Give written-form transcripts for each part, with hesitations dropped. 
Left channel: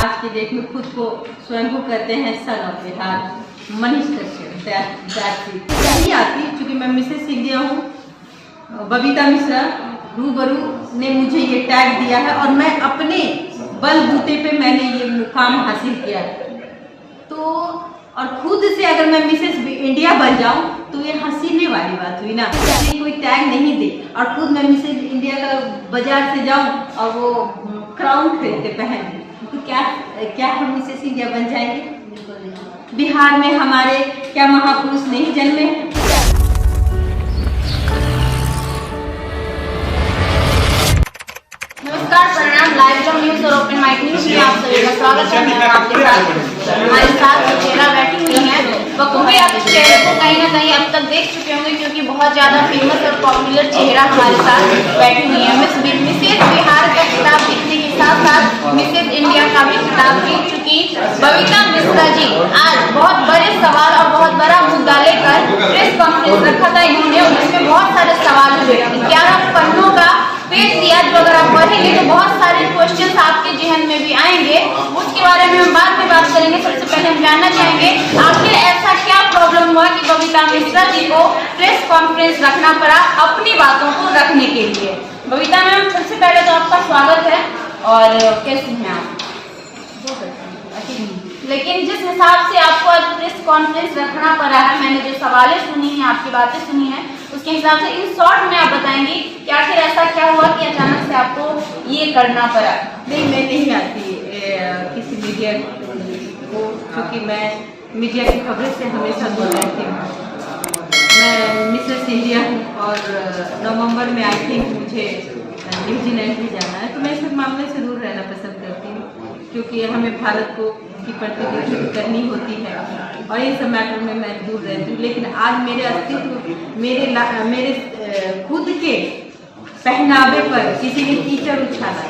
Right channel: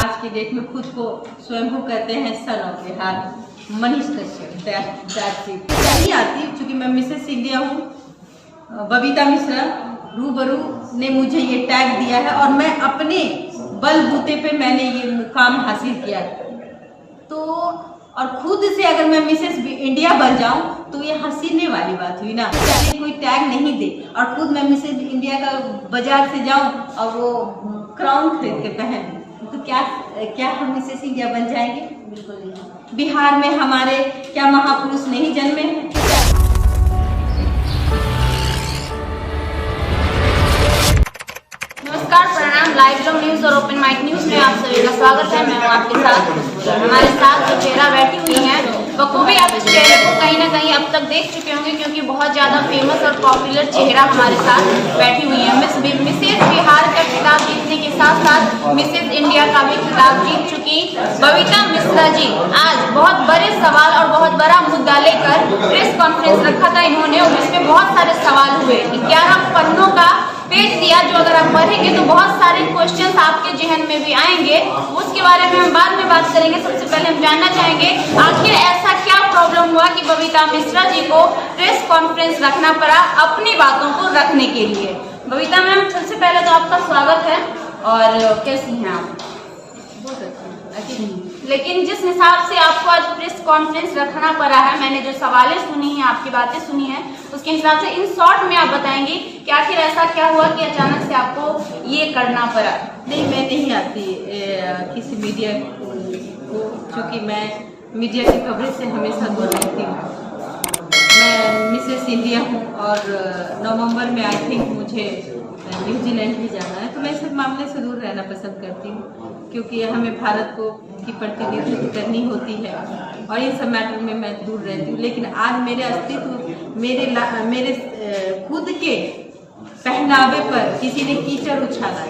आज की डेट में खुद को स्वयं को कहते हैं सन ऑफ बिहार, मनीष कश्यप नहीं आती, चूंकि मैं मिसेस इंडिया हूँ। बबीता मिश्रा रूबरू ने मुझे ये टैग दिया है और मैं अपने बलबूते पे मैंने ये मुकाम हासिल किया। तो और खुद से अगर मैं मिसेस इंडिया बन जाऊं तो ये हंसीने वाली बात हुई ना। मुझे कोई टैग नहीं दे और खुद मैं मिसेस इंडिया का बाजार से जाऊं और वो क्राउन खरीद के पहन, तो क्या हम मिसेस इंडिया बन जाएंगे? बिल्कुल नहीं। बिहार में हमारे क्या महापुरुष नहीं जन्मे हैं? नमस्कार, प्रणाम। लाइव ब्लॉग न्यूज और ओपन माइक न्यूज में आप सभी का स्वागत है। मैं आपके साथ हमारे साथ जो चेहरा बैठी हुई है बखूबी आप इस चेहरे को कहीं ना कहीं अब तक देख चुके होंगे, क्योंकि बहुत ज्यादा फेमस और पॉपुलर चेहरा हमारे साथ बैठी हुई है। मिसेस बिहार का खिताब जीतने के साथ साथ मिसेस इंडिया का भी खिताब जीत चुकी बबीता मिश्रा जी आज बहुत बड़े सवाल और बहुत बड़ा मुद्दा लेकर प्रेस कॉन्फ्रेंस रखा था इन्होंने, और जिसमें बहुत सारे सवाल हुए। 11 पन्नों का पेज दिया, जो अगर आप पढ़ेंगे तो बहुत सारे क्वेश्चंस आपके जहन में भी आएंगे। उसके बारे में हम बाद में बात करेंगे। सबसे पहले हम जानना चाहेंगे आखिर ऐसा क्या प्रॉब्लम हुआ कि बबीता मिश्रा जी को प्रेस कॉन्फ्रेंस रखना पड़ा अपनी बातों को रखने के लिए। बबीता मैम, सबसे पहले तो आपका स्वागत है। और कैसी हैं आप? लेकिन जिस हिसाब से आपको आज प्रेस कॉन्फ्रेंस रखना पड़ा है, मैंने जो सवालें सुनी हैं, आपकी बातें सुनी हैं, उसके हिसाब से इन शॉर्ट में आप बताएंगी कि आखिर ऐसा क्या हुआ कि अचानक से आपको ये करना पड़ा? नहीं, मैं नहीं आती किसी मीडिया को, क्योंकि मैं मीडिया की खबर से हमेशा दूर रहती हूँ। मैं मिसेस इंडिया हूँ और नवंबर में आई थिंक मुझे न्यूजीलैंड भी जाना है, तो मैं इस मामले से दूर रहना पसंद करती हूँ, क्योंकि हमें भारत को की प्रतिनिधित्व करनी होती है और इन सब मैटर में मैं दूर रहती हूँ। लेकिन आज मेरे अस्तित्व, मेरे खुद के पहनावे पर किसी ने कीचड़ उछाला,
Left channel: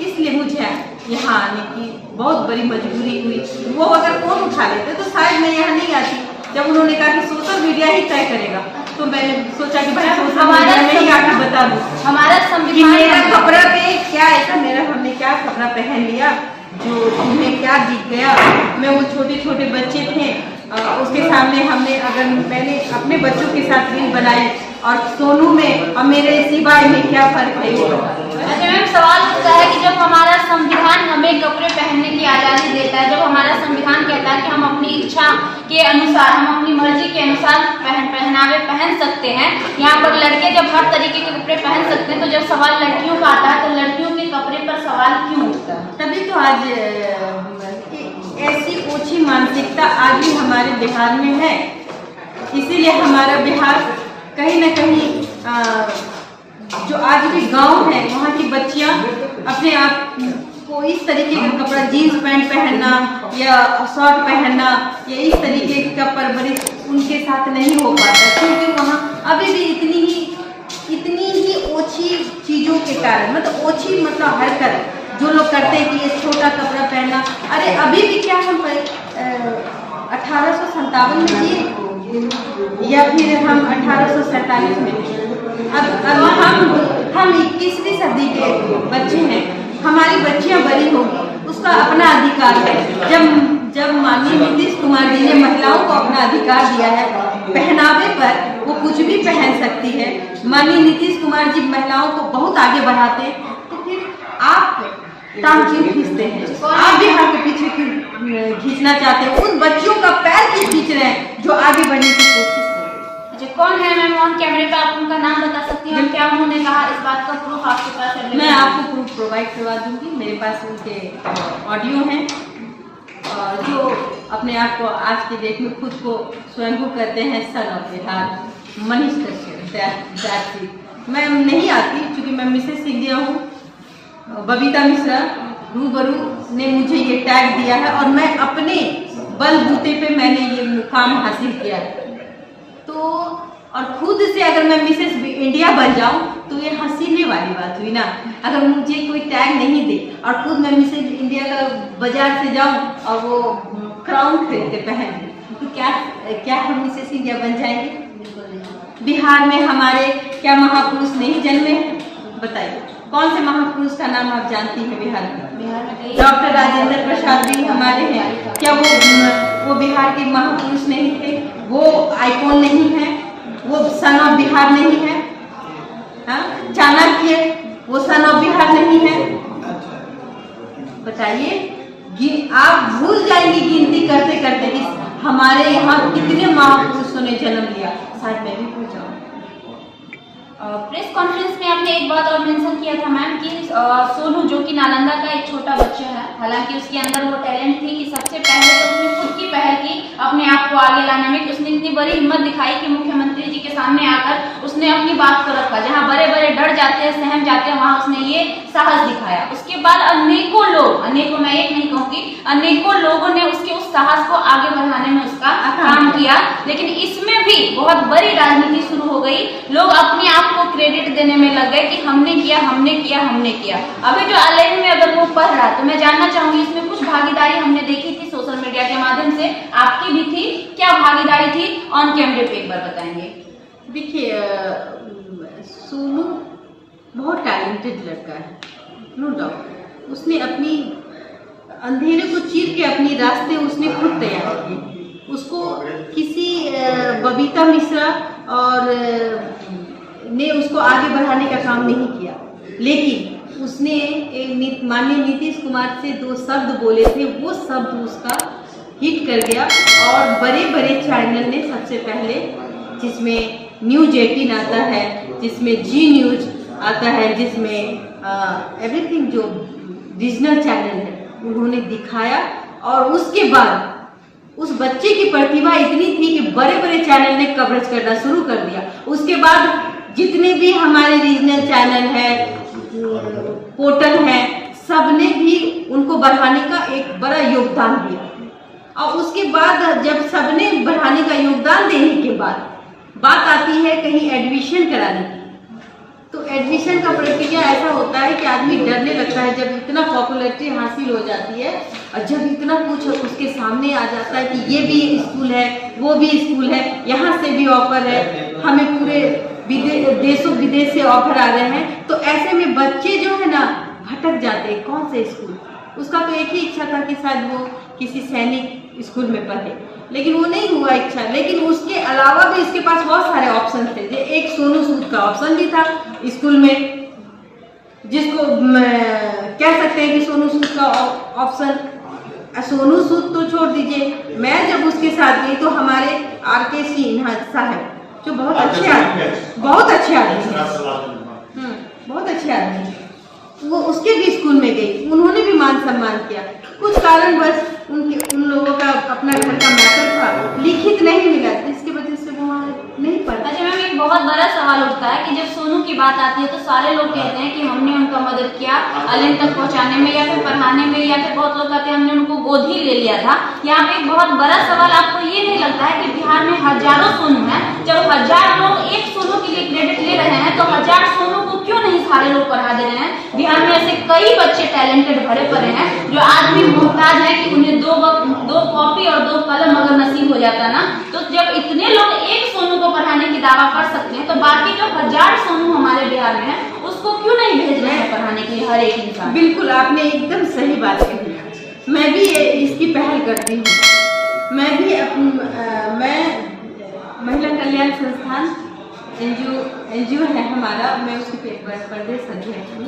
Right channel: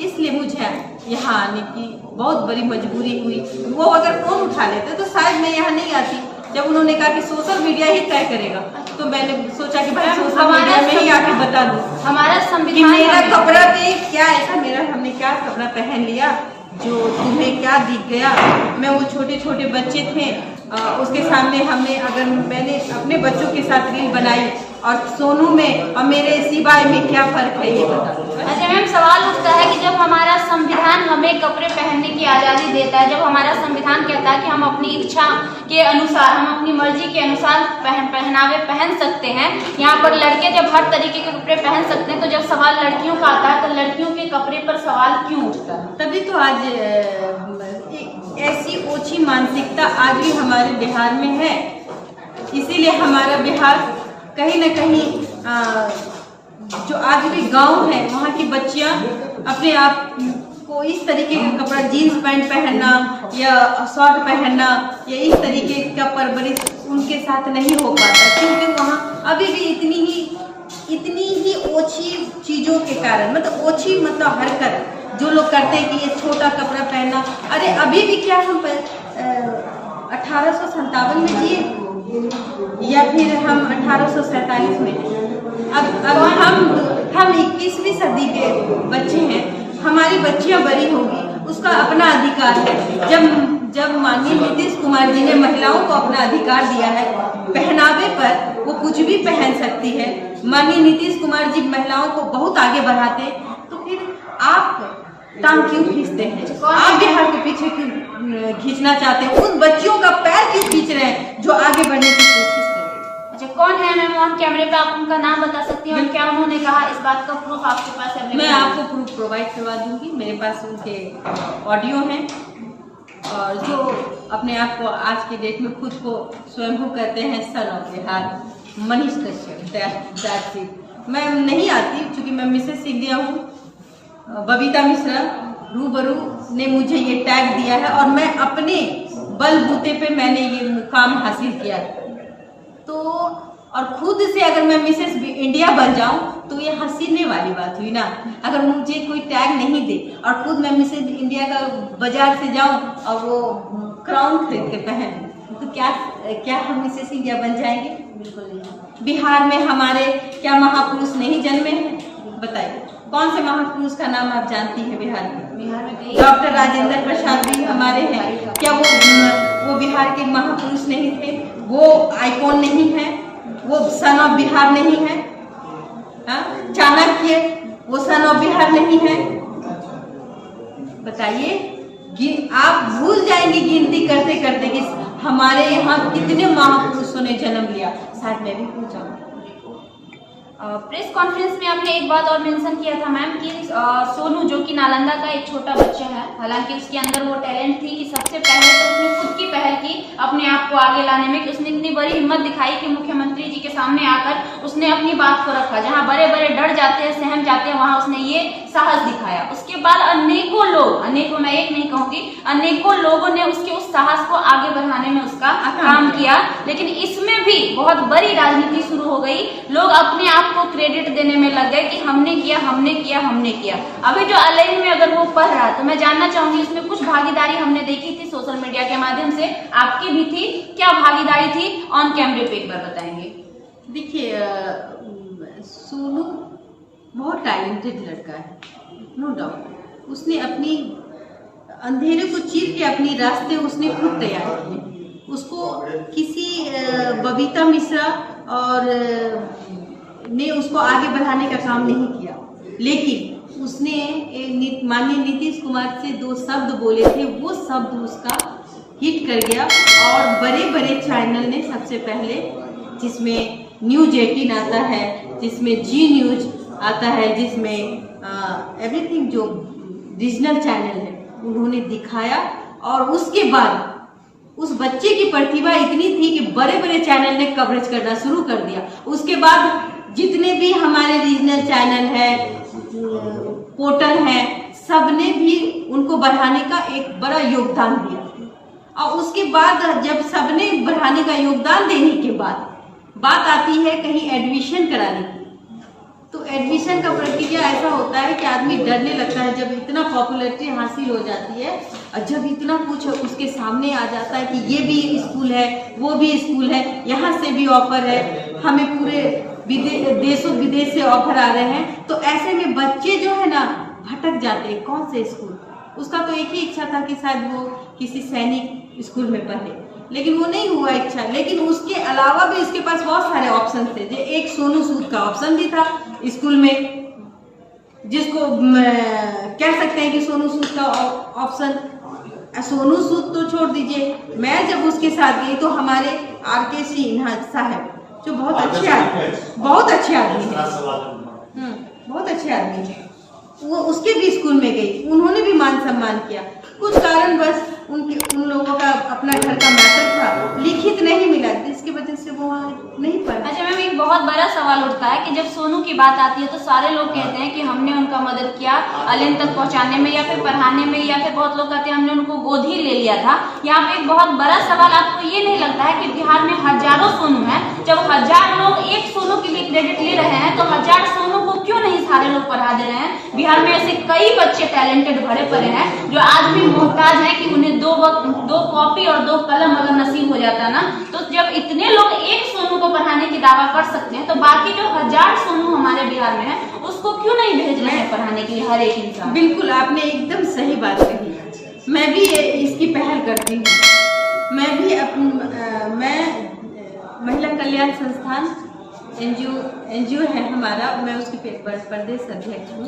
इसलिए मुझे यहाँ आने की बहुत बड़ी मजबूरी हुई। वो अगर फोन उठा लेते तो शायद मैं यहाँ नहीं आती। जब उन्होंने कहा कि सोशल मीडिया ही तय करेगा, तो मैंने सोचा कि भाई सोशल मीडिया में ही आके बता दूं हमारा संविधान, मेरा कपड़ा पे क्या ऐसा, हमने क्या कपड़ा पहन लिया जो तुम्हें क्या दिख गया। मैं वो छोटे छोटे बच्चे थे, उसके सामने मैंने अपने बच्चों के साथ रील बनाई, और सोनू में और मेरे सिवाय में क्या फर्क है ये बता। अच्छा मैम, सवाल उठता है कि जब हमारा संविधान हमें कपड़े पहनने की आज़ादी देता है, जब हमारा संविधान कहता है कि हम अपनी इच्छा के अनुसार, हम अपनी मर्जी के अनुसार पहनावे पहन सकते हैं, यहाँ पर लड़के जब हर तरीके के कपड़े पहन सकते हैं, तो जब सवाल लड़कियों का आता है तो लड़कियों के कपड़े पर सवाल क्यों उठता है? तभी तो आज ऐसी ओछी मानसिकता आज भी हमारे बिहार में है। इसीलिए हमारा बिहार कहीं न कहीं जो आज भी गांव है, वहाँ की बच्चियाँ अपने आप को इस तरीके का कपड़ा, जीन्स पैंट पहनना या शर्ट पहनना या इस तरीके का परवरिश उनके साथ नहीं हो पाता, क्योंकि वहाँ अभी भी इतनी ही ओछी चीज़ों के कारण, मतलब ओछी मतलब हरकत जो लोग करते हैं कि ये छोटा कपड़ा पहनना। अरे अभी भी क्या हम 1857 में जिए या फिर हम 1847 में? अब हम 21वीं सदी के बच्चे हैं, हमारी बच्चियां बड़ी होगी, उसका अपना अधिकार है। जब माननीय नीतीश कुमार जी ने महिलाओं को अपना अधिकार दिया है पहनावे पर, वो कुछ भी पहन सकती है। माननीय नीतीश कुमार जी महिलाओं को बहुत आगे बढ़ाते हैं, तो फिर आप टांग क्यों खींचते हैं? आप बिहार के पीछे क्यों खींचना चाहते हैं? उन बच्चियों का पैर क्यों खींच रहे हैं जो आगे बढ़ने की कोशिश कर रहे हैं? अच्छा, कौन है मैम ऑन कैमरे पे? आप उनका नाम बता सकती हैं और क्या उन्होंने कहा? इस बात का प्रूफ आपके पास है? मैं आपको प्रूफ प्रोवाइड करवा दूंगी। मेरे पास उनके ऑडियो हैं, और जो अपने आप को आज के डेट में खुद को स्वयं को कहते हैं सन ऑफ बिहार, मनीष कश्यप। मैं नहीं आती, चूंकि मैं मिसेस इंडिया हूँ। बबीता मिश्रा रूबरू ने मुझे ये टैग दिया है और मैं अपने बलबूते पे मैंने ये मुकाम हासिल किया। तो और खुद से अगर मैं मिसेस इंडिया बन जाऊं तो ये हंसीने वाली बात हुई ना। अगर मुझे कोई टैग नहीं दे और खुद मैं मिसेस इंडिया का बाजार से जाऊं और वो क्राउन खरीद के पहन, तो क्या हम मिसेस इंडिया बन जाएंगे? बिल्कुल नहीं। बिहार में हमारे क्या महापुरुष नहीं जन्मे हैं? बताइए। कौन से महापुरुष का नाम आप जानती हैं बिहार में? बिहार में कई डॉक्टर राजेंद्र प्रसाद भी हमारे हैं। क्या वो बिहार के महापुरुष नहीं थे? वो आइकॉन नहीं है? वो सन ऑफ बिहार नहीं है? चाणक्य वो सन ऑफ बिहार नहीं है? बताइए, आप भूल जाएंगे गिनती करते करते कि हमारे यहाँ कितने महापुरुषों ने जन्म लिया। शायद मैं भी भूल जाऊँ। प्रेस कॉन्फ्रेंस में आपने एक बात और मेंशन किया था मैम कि सोनू जो कि नालंदा का एक छोटा बच्चा है, हालांकि उसके अंदर वो टैलेंट थी कि सबसे पहले तो उसने खुद की पहल की अपने आप को आगे लाने में, कि उसने इतनी बड़ी हिम्मत दिखाई कि मुख्यमंत्री जी के सामने आकर उसने अपनी बात को रखा। जहां बड़े बड़े डर जाते हैं, सहम जाते हैं, वहां उसने ये साहस दिखाया। उसके बाद अनेकों लोग, अनेकों मैं एक नहीं कहूँगी, अनेकों लोगों ने उसके उस साहस को आगे बढ़ाने में उसका काम किया। लेकिन इसमें भी बहुत बड़ी राजनीति शुरू हो गई। लोग अपने आप को क्रेडिट देने में लग गए कि हमने किया, हमने किया, हमने किया। अभी जो ऑनलाइन में अगर वो पढ़ रहा, तो मैं जानना चाहूंगी इसमें कुछ भागीदारी हमने देखी थी सोशल मीडिया के माध्यम से, आपकी भी थी, क्या भागीदारी थी? ऑन कैमरे पे एक बार बताएंगे। देखिए, सोनू बहुत टैलेंटेड लड़का है, नो डाउट। उसने अपनी अंधेरे को चीर के अपनी रास्ते उसने खुद तैयार किए। उसको किसी बबीता मिश्रा और ने उसको आगे बढ़ाने का काम नहीं किया, लेकिन उसने एक माननीय नीतीश कुमार से 2 शब्द बोले थे, वो शब्द उसका हिट कर गया। और बड़े बड़े चैनल ने सबसे पहले, जिसमें न्यूज 18 आता है, जिसमें जी न्यूज आता है, जिसमें एवरीथिंग जो रीजनल चैनल है, उन्होंने दिखाया। और उसके बाद उस बच्चे की प्रतिभा इतनी थी कि बड़े बड़े चैनल ने कवरेज करना शुरू कर दिया। उसके बाद जितने भी हमारे रीजनल चैनल है, पोर्टल है, सबने भी उनको बढ़ाने का एक बड़ा योगदान दिया। और उसके बाद जब सबने बढ़ाने का योगदान देने के बाद बात आती है कहीं एडमिशन कराने की, तो एडमिशन का प्रक्रिया ऐसा होता है कि आदमी डरने लगता है जब इतना पॉपुलैरिटी हासिल हो जाती है, और जब इतना कुछ उसके सामने आ जाता है कि ये भी स्कूल है, वो भी स्कूल है, यहाँ से भी ऑफर है, हमें पूरे देशों विदेश से ऑफर आ रहे हैं। तो ऐसे में बच्चे जो है ना भटक जाते हैं, कौन से स्कूल। उसका तो एक ही इच्छा था कि शायद वो किसी सैनिक स्कूल में पढ़े, लेकिन वो नहीं हुआ इच्छा। लेकिन उसके अलावा भी इसके पास बहुत सारे ऑप्शन थे। एक सोनू सूद का ऑप्शन भी था स्कूल में, जिसको कह सकते हैं कि सोनू सूद का ऑप्शन। सोनू सूद तो छोड़ दीजिए, मैं जब उसके साथ गई तो हमारे RK सिन्हा साहब जो बहुत अच्छे आदमी है, बहुत अच्छे आदमी है, वो उसके भी स्कूल में गई, उन्होंने भी मान सम्मान किया। कुछ कारणवश उन लोगों का अपने घर का मैटर था, लिखित नहीं मिला, जिसकी वजह से वो नहीं पढ़ा। अच्छा मैम, एक बहुत बड़ा सवाल उठता है कि जब सोनू की बात आती है तो सारे लोग कहते हैं कि हमने उनका मदद किया ऑनलाइन तक पहुंचाने में, या फिर पढ़ाने में, या फिर बहुत लोग कहते हैं हमने उनको गोद ही ले लिया था। यहाँ पे एक बहुत बड़ा सवाल, आपको ये नहीं लगता है कि बिहार में हजारों सोनू हैं? जब 1000 लोग एक सोनू के लिए क्रेडिट ले रहे हैं, तो 1000 सोनू को क्यों नहीं सारे लोग पढ़ा दे रहे हैं? बिहार में ऐसे कई बच्चे टैलेंटेड भरे पड़े हैं जो आज भी मोहताज है कि उन्हें 2 कॉपी और 2 कलम अगर नसीब हो जाता ना, तो जब इतने लोग एक सोनू को पढ़ाने की दावा कर सकते हैं, तो बाकी जो 1000 सोनू हमारे बिहार में है उसको क्यों नहीं भेज रहे हैं पढ़ाने के लिए हर एक इंसान? बिल्कुल, आपने एकदम सही बात कही। मैं भी इसकी पहल करती हूँ। मैं भी मैं महिला कल्याण संस्थान NGO है हमारा, मैं उसकी प्रदेश अध्यक्ष हूँ।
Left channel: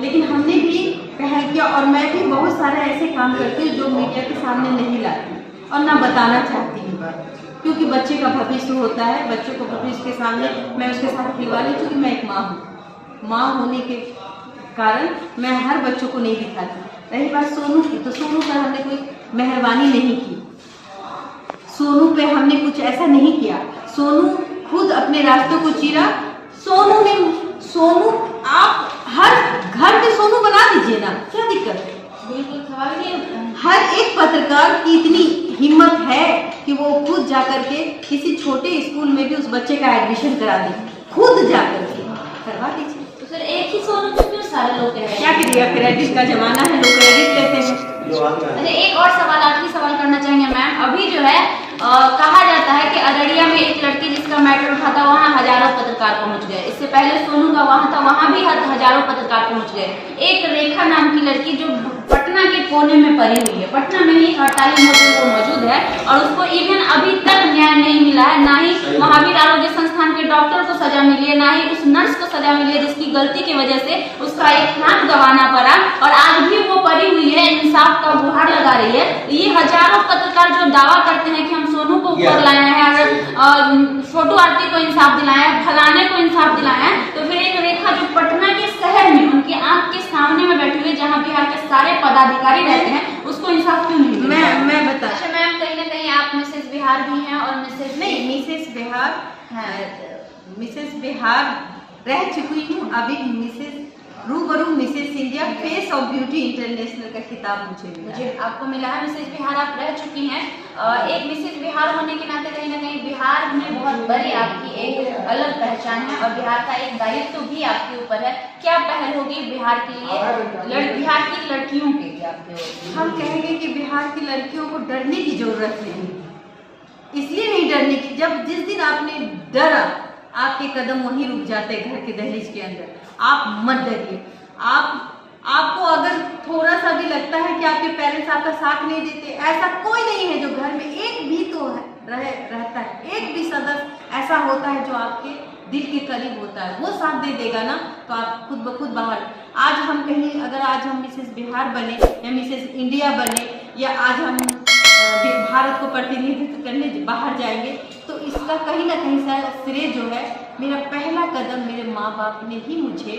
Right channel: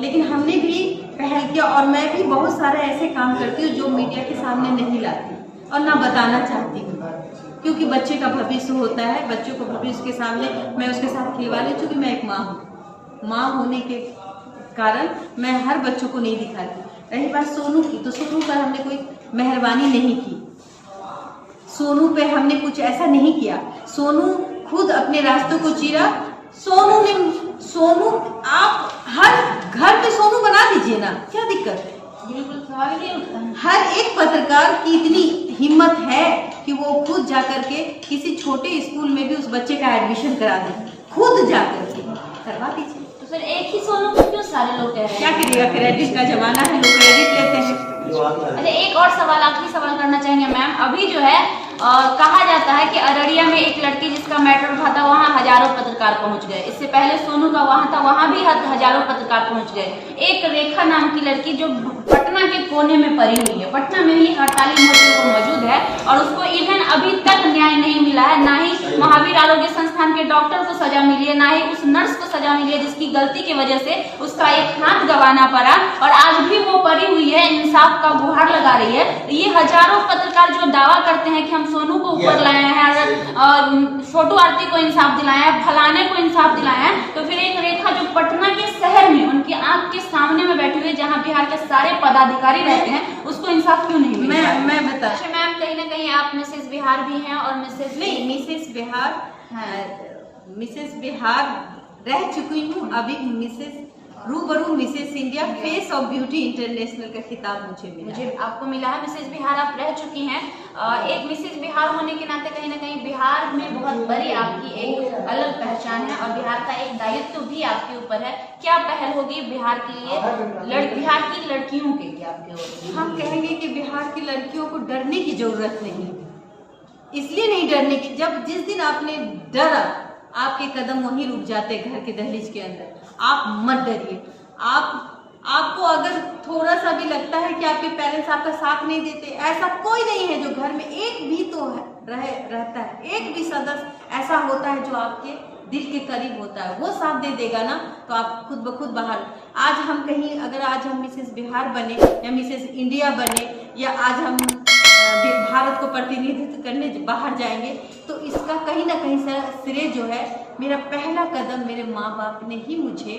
लेकिन हमने भी पहल किया, और मैं भी बहुत सारे ऐसे काम करती हूँ जो मीडिया के सामने नहीं लाती और ना बताना चाहती हूँ, क्योंकि बच्चे का भविष्य होता है। बच्चों को भविष्य के सामने मैं उसके साथ खिलवा ली, क्योंकि मैं एक माँ हूँ। माँ होने के कारण मैं हर बच्चों को नहीं दिखाती। रही बात सोनू की, तो सोनू पर हमने कोई मेहरबानी नहीं की, सोनू पे हमने कुछ ऐसा नहीं किया। सोनू खुद अपने रास्तों को चीरा। सोनू आप हर घर में सोनू बना दीजिए ना, क्या दिक्कत है? बिल्कुल सवाल नहीं उठता। हर एक पत्रकार की इतनी हिम्मत है कि वो खुद जाकर के किसी छोटे स्कूल में भी उस बच्चे का एडमिशन करा दे, खुद जाकर के करवा दीजिए। तो सर एक ही सोनू को क्यों सारे लोग कह रहे हैं? क्या करिएगा, क्रेडिट का जमाना है, लोग क्रेडिट लेते हैं। अच्छा, एक और सवाल, आखिरी सवाल करना चाहेंगे मैम। अभी जो है कहा जाता है कि अररिया में एक लड़की जिसका मैटर उठा था वहाँ हजारों पत्रकार पहुंच गए। इससे पहले सोनू का वहाँ था, वहाँ भी हजारों पत्रकार पहुंच गए। एक रेखा नाम की लड़की जो पटना के कोने में पड़ी हुई है, पटना में ही 48 मोड़ वो मौजूद है और उसको इवन अभी तक न्याय नहीं मिला है। ना ही महावीर आरोग्य संस्थान के डॉक्टर को सजा मिली है, ना ही उस नर्स को सजा मिली है जिसकी गलती की वजह से उसका एक हाथ गंवाना पड़ा और आज भी वो पड़ी हुई है, इंसाफ का गुहार लगा रही है। ये हजारों पत्रकार जो दावा करते हैं कि हम सोनू को ऊपर लाए हैं, अगर छोटू आरती को इंसाफ दिलाए हैं, फलाने को इंसाफ दिलाए हैं, तो फिर एक रेखा जो पटना के शहर में उनकी आंख के सामने में बैठी हुई, जहाँ बिहार के सारे पदाधिकारी रहते हैं, उसको इंसाफ क्यों नहीं मिला? मैं बता। अच्छा मैम, कहीं ना कहीं आप मिसेस बिहार भी हैं और मिसेस नहीं, मिसेस बिहार मिसेस बिहार रह चुकी हूँ, अभी मिसेस रूबरू Mrs India face of beauty international का खिताब मुझे आपको मिला है। मिसेस बिहार आप रह चुकी हैं। एक मिसेस बिहार होने के नाते कहीं ना कहीं बिहार में बहुत बड़ी आपकी एक अलग पहचान है और बिहार का एक दायित्व भी आपके ऊपर है। क्या पहल होगी बिहार के लिए, बिहार की लड़कियों के लिए आपके ओर? हम कहेंगे कि बिहार की लड़कियों को डरने की जरूरत नहीं, इसलिए नहीं डरने की, जब जिस दिन आपने डरा आपके कदम वहीं रुक जाते हैं घर के दहलीज के अंदर। आप मत डरिए। आपको अगर थोड़ा सा भी लगता है कि आपके पेरेंट्स आपका साथ नहीं देते, ऐसा कोई नहीं है जो घर में एक भी तो रहता है, एक भी सदस्य ऐसा होता है जो आपके दिल के करीब होता है, वो साथ दे देगा ना, तो आप खुद ब खुद बाहर। आज हम कहीं, अगर आज हम मिसेस बिहार बने या मिसेस इंडिया बने या आज हम भारत को प्रतिनिधित्व करने बाहर जाएंगे, तो इसका कहीं ना कहीं श्रेय जो है मेरा पहला कदम मेरे माँ बाप ने ही मुझे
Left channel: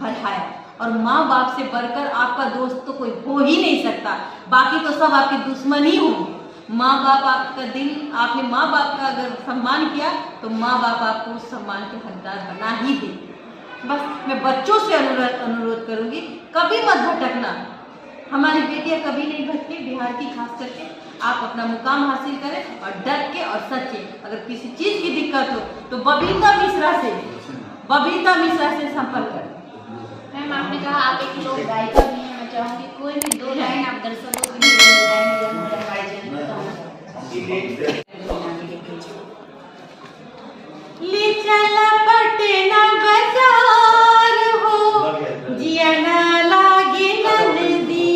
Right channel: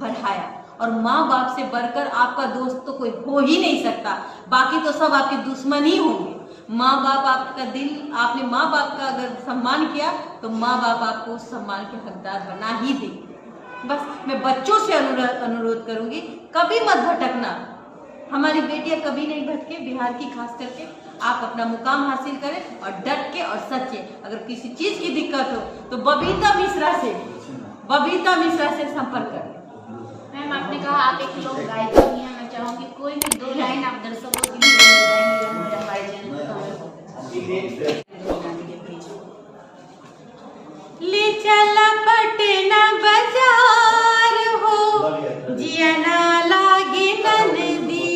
बढ़ाया। और माँ बाप से बढ़कर आपका दोस्त तो कोई हो ही नहीं सकता, बाकी तो सब आपके दुश्मन ही होंगे। माँ बाप आपका दिल, आपने माँ बाप का अगर सम्मान किया तो माँ बाप आपको उस सम्मान के हकदार बना ही देंगे। बस मैं बच्चों से अनुरोध करूँगी, कभी मत भटकना। हमारी बेटियां कभी नहीं भटके, बिहार की खास करके। आप अपना मुकाम हासिल करें और डट के और सच्चे। अगर किसी चीज की दिक्कत हो तो बबीता मिश्रा से संपर्क करें। मैम आपने कहा आप एक लोक गायिका भी हैं, मैं चाहूँगी कोई भी 2 लाइन आप दर्शकों के लिए ले चला पटना बाजार हो, जिया ना लागे नंदी।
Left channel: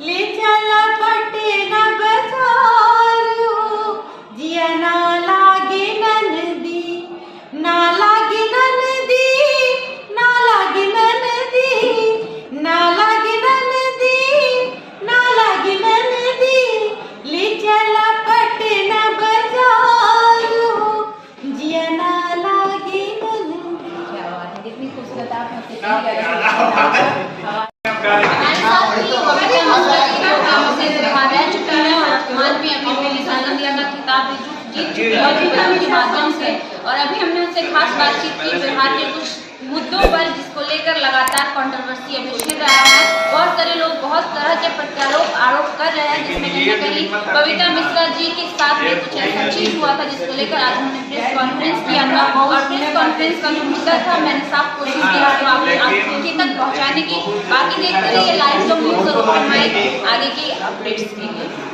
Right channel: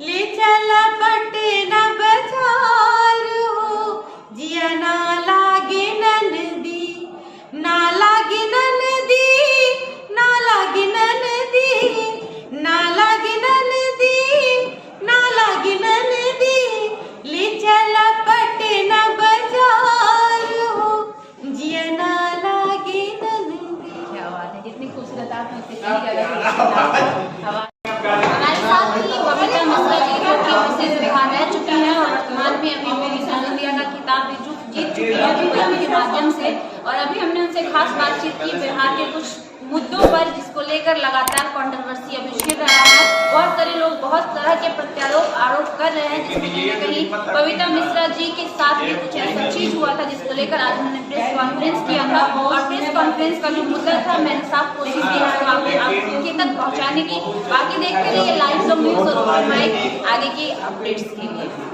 ले चला पटना बाजार हो, जिया ना लागे नंदी। ना लागे नंदी, ना लागे नंदी, ना लागे नंदी, ना लागे नंदी। ले चला पटना बाजार हो, जिया ना लागे नंदी। क्या बात है, कितनी खूबसूरत आप मुझसे बबीता मिश्रा जी जो कि मिसेस बिहार रह चुकी हैं और अपमान भी अभी मिली इंडिया का खिताब भी जीत चुकी है के माध्यम से। और अभी हमने उनसे खास बातचीत की बिहार के कुछ मुद्दों पर जिसको लेकर लगातार कंट्रोवर्सी अभी छिड़ रहा है। बहुत सारे लोग बहुत तरह के प्रत्यारोप आरोप कर रहे हैं, जिसमें कहीं ना कहीं बबीता मिश्रा जी के साथ भी कुछ ऐसा चीज हुआ था जिसको लेकर आज उन्होंने प्रेस कॉन्फ्रेंस किया था। और प्रेस कॉन्फ्रेंस का जो मुद्दा था मैंने साफ कोशिश किया तो आपके तक पहुँचाने की। बाकी देखते रहिए लाइव न्यूज़ और ओपन माइक आगे की अपडेट्स के लिए।